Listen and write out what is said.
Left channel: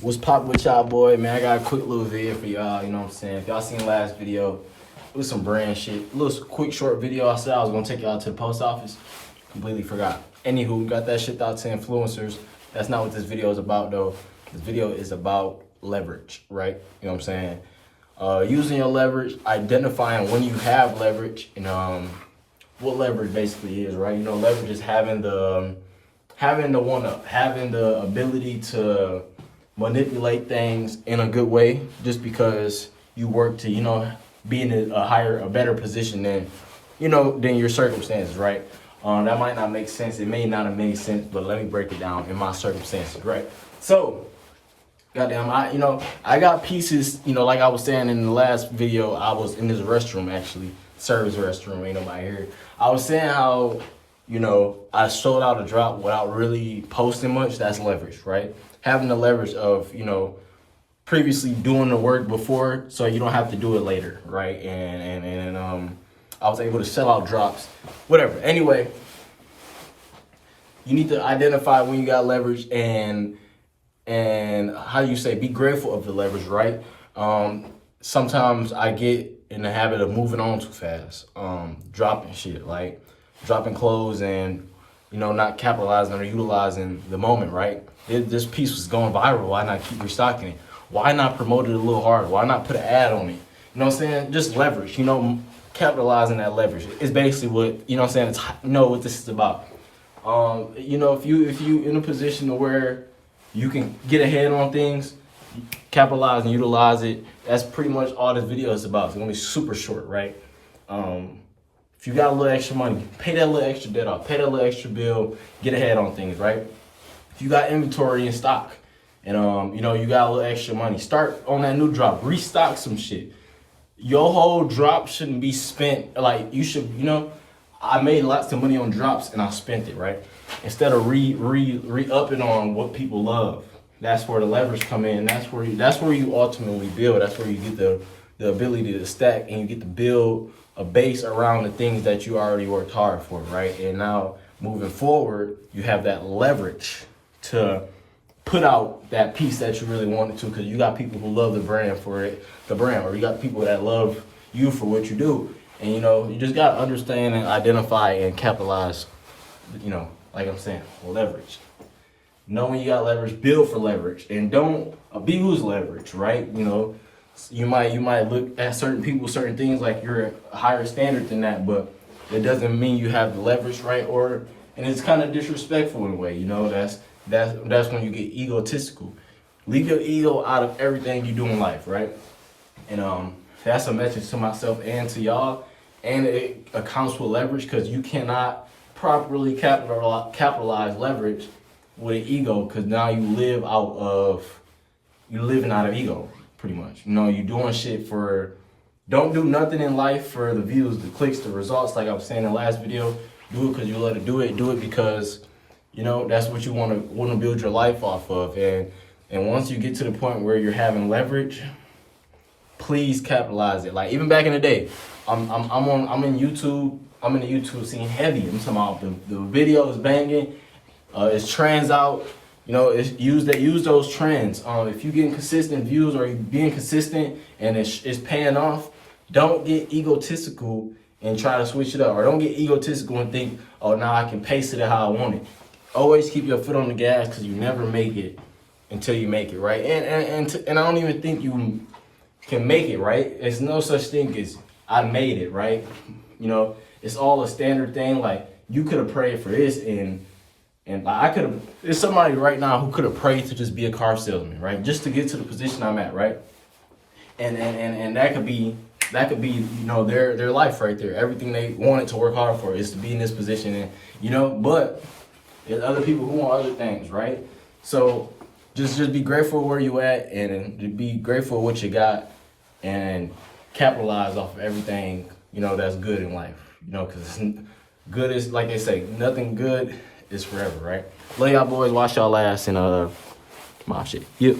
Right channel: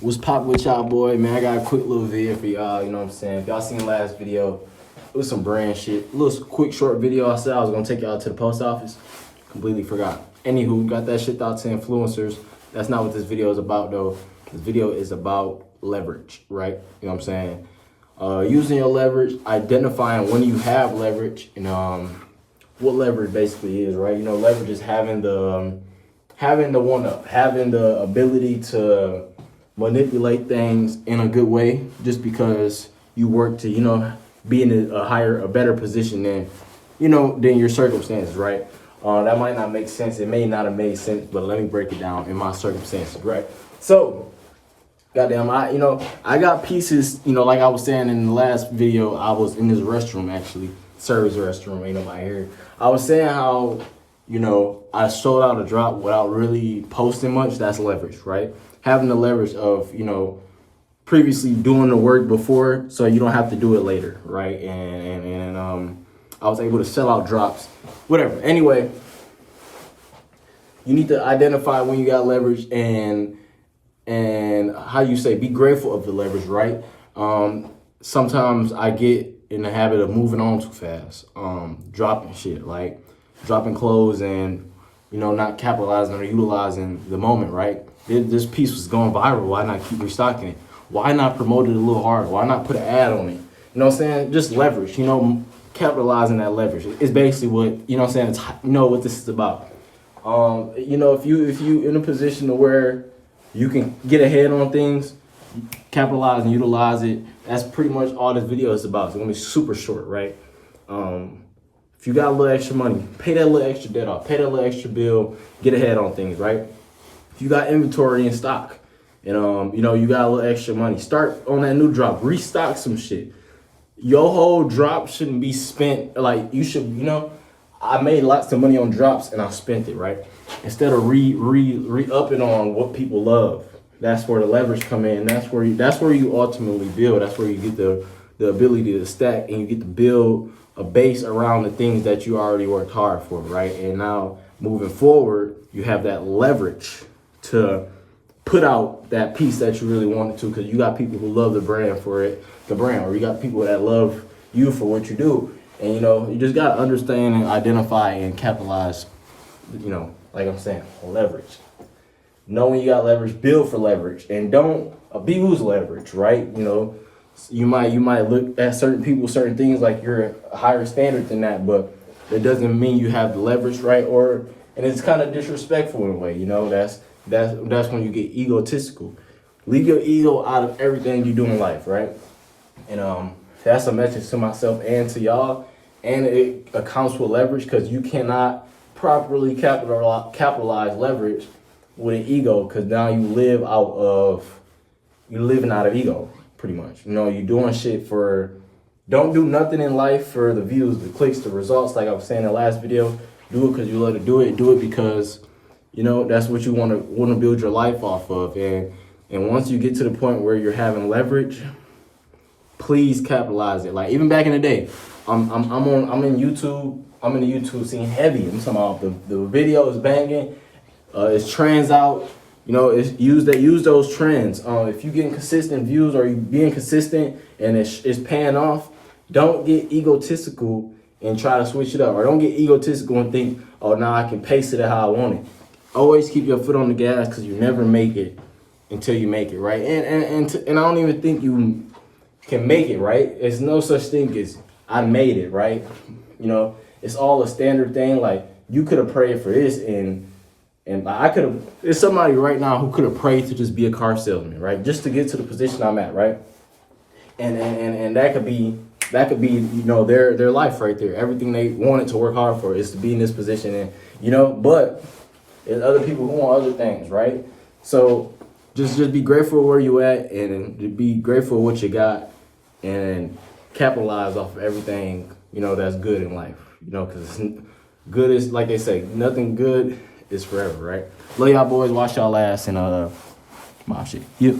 What's poppin' with y'all, boy? Man, I got a quick little video for y'all, you know what I'm saying? If y'all seen the last video, it was some brand shit. A little quick short video. I said I was gonna take y'all to the post office. Completely forgot. Anywho, got that shit out to influencers. That's not what this video is about, though. This video is about leverage, right? You know what I'm saying? Using your leverage, identifying when you have leverage, and what leverage basically is, right? You know, leverage is having the one-up, having the ability to manipulate things in a good way, just because you work to, you know, be in a better position than, you know, than your circumstances, right? That might not make sense. It may not have made sense, but let me break it down in my circumstances, right? So, goddamn, I got pieces, you know, like I was saying in the last video, I was in this restroom, actually, service restroom, ain't nobody here. I was saying how, you know, I sold out a drop without really posting much. That's leverage, right? Having the leverage of, you know, previously doing the work before, so you don't have to do it later, right? And I was able to sell out drops, whatever. Anyway, you need to identify when you got leverage and how you say, be grateful of the leverage, right? Sometimes I get in the habit of moving on too fast, dropping shit, like dropping clothes and, you know, not capitalizing or utilizing the moment, right? This piece was going viral. Why not keep restocking it? Why not promote it a little harder? Why not put an ad on it? You know what I'm saying? Just leverage, you know, capitalizing that leverage. It's basically what, you know what I'm saying? It's, you know what this is about. You know, if you in a position to where you can get ahead on things, capitalize and utilize it, that's pretty much all this video is about. It's gonna be super short, right? If you got a little extra money, pay that little extra debt off, pay that little extra bill, get ahead on things, right? If you got inventory in stock and you know, you got a little extra money, start on that new drop, restock some shit. Your whole drop shouldn't be spent, like you should, you know, I made lots of money on drops and I spent it, right? Instead of re-upping on what people love. That's where the leverage come in. That's where you ultimately build. That's where you get the ability to stack and you get to build a base around the things that you already worked hard for, right? And now moving forward, you have that leverage to put out that piece that you really wanted to, because you got people who love the brand, or you got people that love you for what you do. And, you know, you just got to understand and identify and capitalize, you know, like I'm saying, leverage. Know when you got leverage, build for leverage, and don't abuse leverage, right? You know, you might look at certain people, certain things like you're a higher standard than that, but that doesn't mean you have the leverage, right? And it's kind of disrespectful in a way, you know. That's when you get egotistical. Leave your ego out of everything you do in life, right? And that's a message to myself and to y'all. And it accounts with leverage, because you cannot properly capitalize leverage with an ego, because now you're living out of ego, pretty much. You know, you're doing shit don't do nothing in life for the views, the clicks, the results. Like I was saying in the last video, do it because you love to do it. Do it because, you know, that's what you want to build your life off of. And once you get to the point where you're having leverage, please capitalize it. Like even back in the day, I'm in YouTube. I'm in the YouTube scene heavy. I'm talking about the video is banging. It's trends out. You know, use those trends. If you getting consistent views or you being consistent and it's paying off, don't get egotistical and try to switch it up, or don't get egotistical and think, oh, now I can pace it how I want it. Always keep your foot on the gas, because you never make it until you make it, right? And I don't even think you can make it, right? It's no such thing as I made it, right? You know, it's all a standard thing. Like you could have prayed for this, and I could have. There's somebody right now who could have prayed to just be a car salesman, right? Just to get to the position I'm at, right? And that could be you know, their life right there. Everything they wanted to work hard for is to be in this position, and you know, but there's other people who want other things, right? So just be grateful where you at, and be grateful what you got, and capitalize off of everything, you know, that's good in life. You know, because good is, like they say, nothing good is forever, right? Love y'all boys, wash y'all ass, and my shit. Yeah.